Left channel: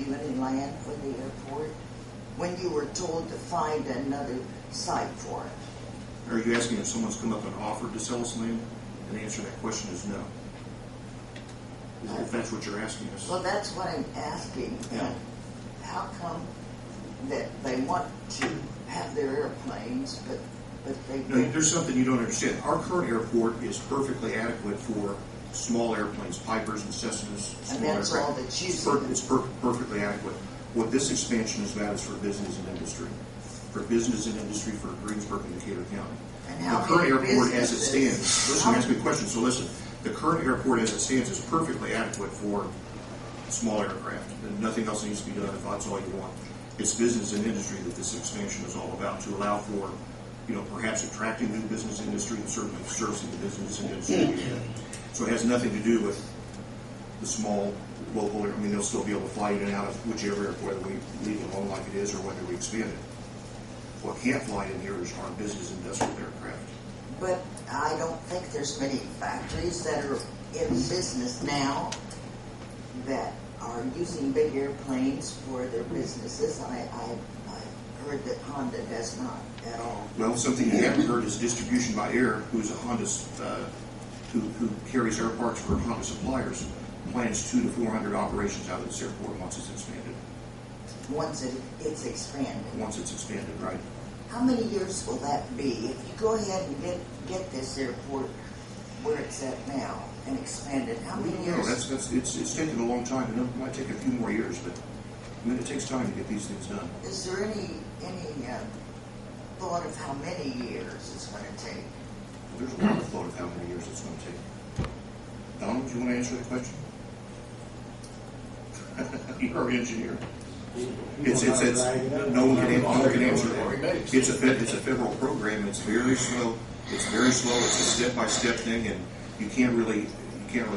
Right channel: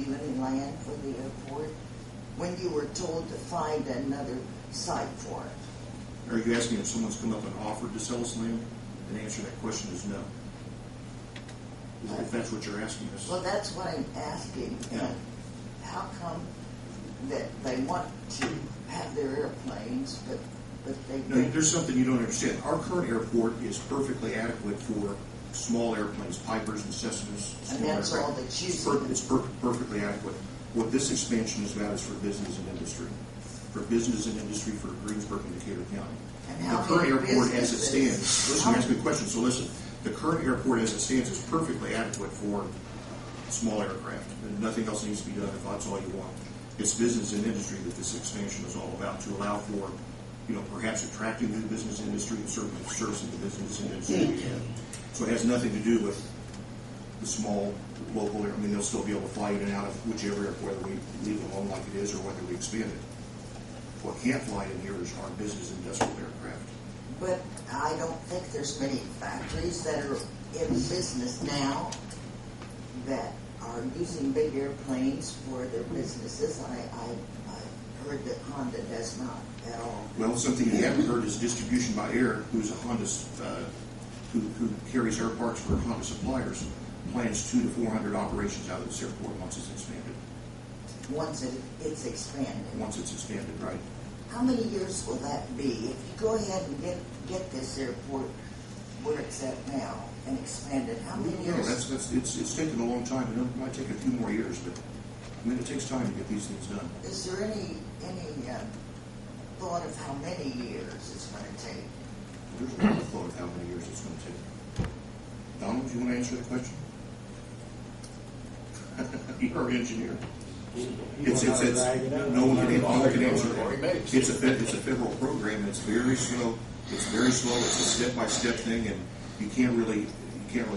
you any land for the airport when you were told to find another site for it? Are you asking if someone's come up and offered to sell us land? And the answer to that question is no. If that's what you're asking us. Well, that's what I'm asking. Yeah. How come that they want to have their airplanes, but they No, there's something you don't understand. Our current airport is perfectly adequate for small airplanes, Pipers and Cessnas. And that's all that's using. It's perfectly adequate. What this expansion is about is for business and industry. For business and industry for Greensburg and Decatur County. And how the current many airport as it businesses- stands, listen, ask me a question, so listen. The current airport as it stands is perfectly adequate for small aircraft. And nothing else needs to be done if that's all you want. It's business and industry that this expansion is all about, to allow for, perhaps attracting new business industry and certainly servicing the business industry. So it has nothing to do with the small local, they'll still be able to fly in and out of whichever airport, whether we leave it alone like it is or whether we expand it. What can't fly in here is our business industrial aircraft. But I don't think there's many factories that are in business now that are using big airplanes for their businesses. I heard that Honda does not at all. Well, something you haven't heard is Distribution by Air, who's a Honda, who carries air parts for Honda suppliers, plans 200 to 400 operations out of this airport once it's expanded. Once it's expanded. Once it's expanded, right. How many years will that be? If you go ahead and get this airport where it's at now and expand it, how many years? No, it's taken a long time, and it might take a few more years, but it takes time to get these things done. Is there any thought of how many years it's going to take? Well, there's a lot of thought of how many years it's going to take. Donald, do you want to answer the question? You're an engineer. No one can answer that. It's a federal program. It's very slow. It's a step-by-step thing, and you can't really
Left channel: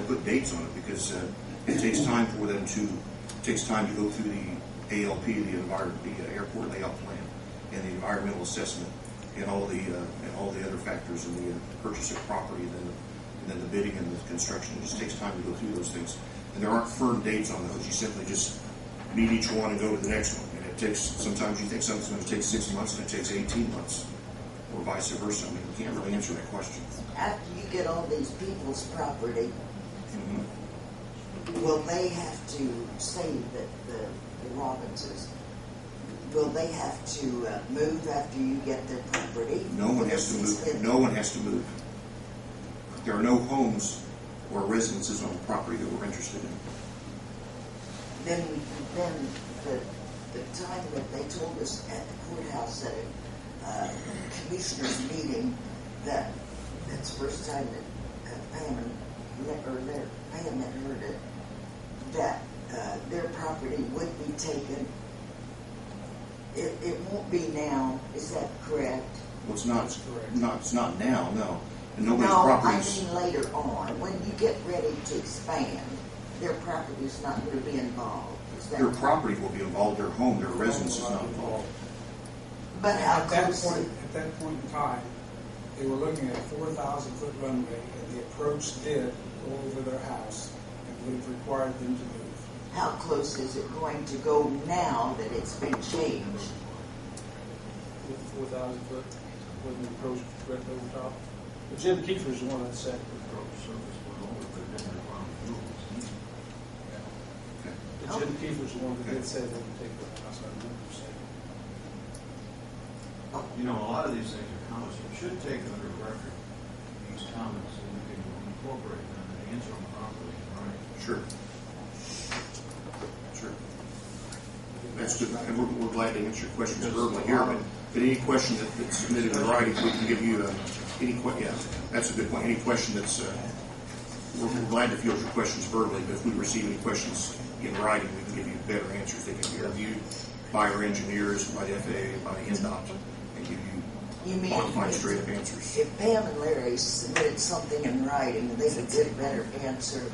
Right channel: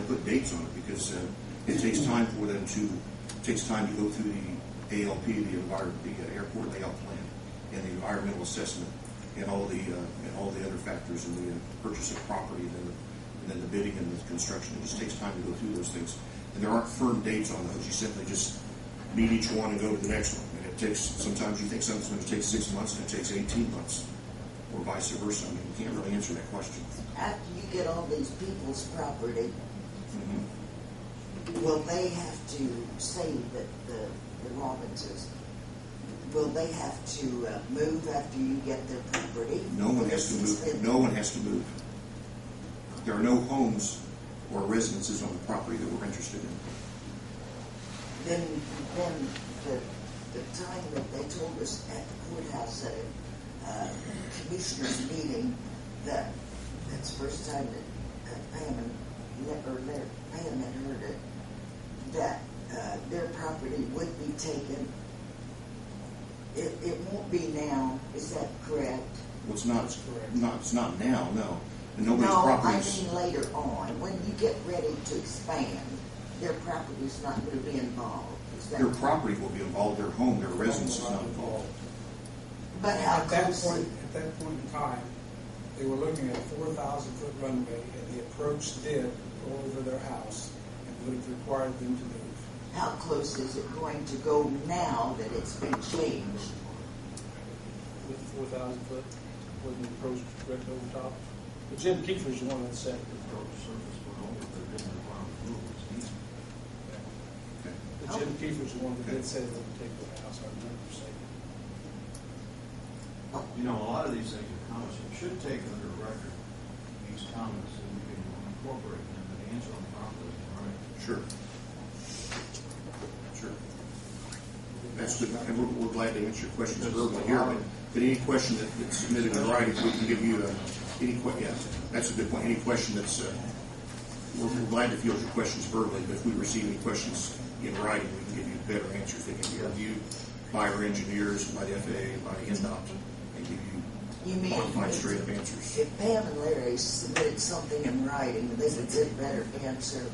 put dates on it because it takes time for them to. It takes time to go through the ALP, the airport layout plan, and the environmental assessment, and all the other factors in the purchase of property, and then the bidding and the construction. It just takes time to go through those things, and there aren't firm dates on those. You simply just meet each one and go to the next one. And it takes, sometimes you think something's going to take 6 months and it takes 18 months, or vice versa. You can't really answer that question. After you get all these people's property, will they have to say that the Robbinses, will they have to move after you get their property? No one has to move. No one has to move. There are no homes or residences on the property that we're interested in. Then the time that they told us at the courthouse at a commissioners meeting that's the first time that Pam had heard it, that their property would be taken. It won't be now. Is that correct? Well, it's not. It's correct. It's not now. No. And nobody's no, properties. I mean later on when you get ready to expand. Their property is not going to be involved. Their property will be involved. Their home, their residence is not involved. But how at that point in time, they were looking at a 4,000-foot runway, and the approach did go over their house and would have required them to move. How close is it going to go now that it's been changed? With the 4,000 foot, with the approach direct over top. But Jim Kiefer's the one that said the approach surface went over, but it didn't require rules. But Jim Kiefer's the one that did say they would take the house. I remember saying. You know, a lot of these things are comments. You should take under record these comments so we can incorporate them and answer them properly, right? Sure. That's good. And we're glad to answer your questions verbally here. But any question that's submitted in writing, we can give you any question. Yeah, that's a good point. Any question that's we're glad to field your questions verbally. But if we receive any questions in writing, we can give you better answers. They can be reviewed by our engineers, by the FAA, by NDOT, and give you qualified, straight up answers. If Pam and Larry submitted something in writing, they would get a better answer.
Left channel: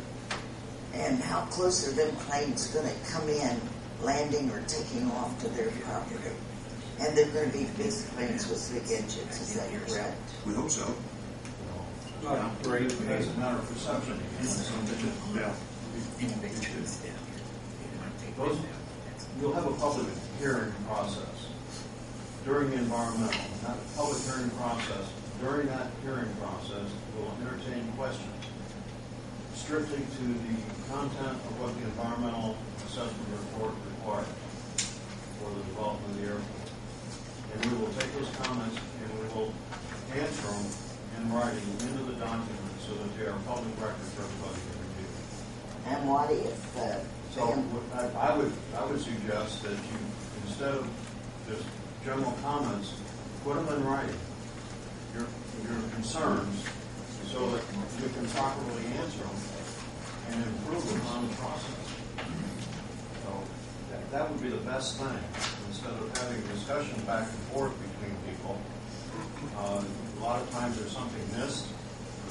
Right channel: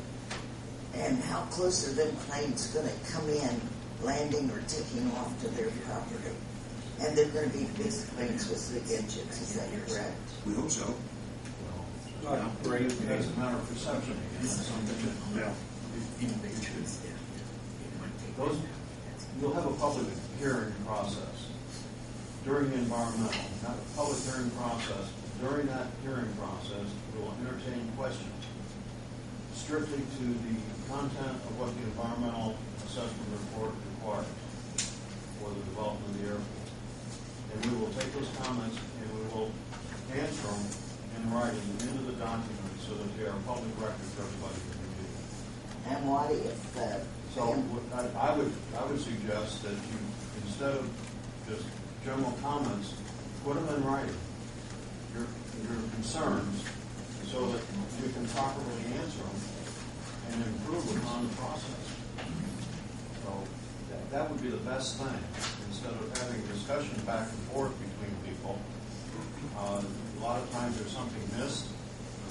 And how close are them planes going to come in, landing or taking off to their property? And they're going to be big planes with big engines, is that correct? We hope so. Not great. It's a matter of perception. Yeah. you'll have a public hearing process during the environmental, not a public hearing process. During that hearing process, we'll entertain questions strictly to the content of what the environmental assessment report requires for the development of the airport. And we will take those comments and we will answer them in writing into the document so that they are public record for everybody to review. And what if, So I would suggest that you, instead of just general comments, put them in writing, your concerns, so that you can properly answer them and improve upon the process. So that would be the best thing, instead of having discussion back and forth between people. A lot of times there's something missed,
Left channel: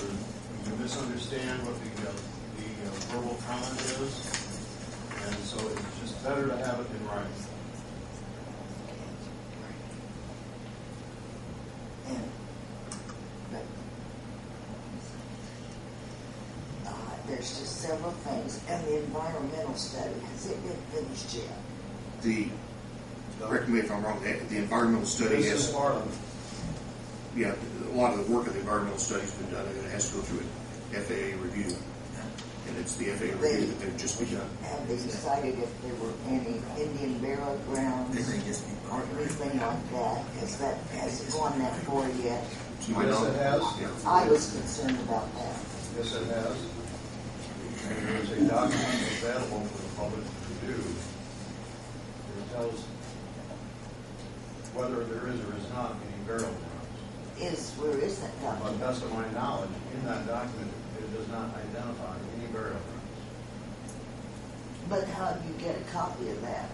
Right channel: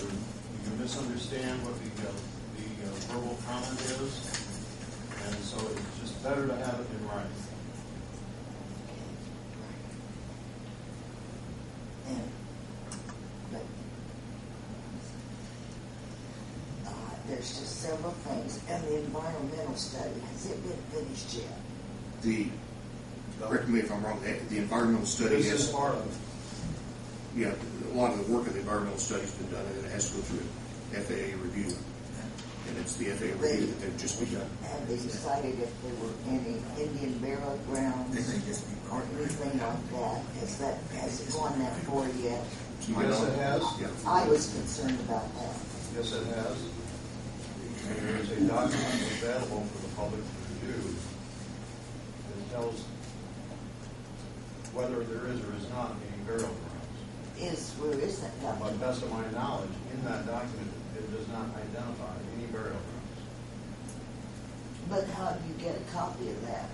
or you misunderstand what the verbal comment is, and so it's just better to have it in writing. There's just several things, and the environmental study, has it been finished yet? Correct me if I'm wrong, the environmental study This is has, part of it. yeah, a lot of the work of the environmental study's been done, and it has to go through an FAA review. And it's the FAA review that they've just begun. Have they decided if there were any Indian burial grounds or anything like that? Has it gone that far yet? To my Yes, knowledge, it has. yeah. I was concerned about that. Yes, it has. And there is a document available for the public to review that tells whether there is or is not any burial grounds. Where is that But document? best of my knowledge, in that document, it does not identify any burial grounds. But how do you get a copy of that?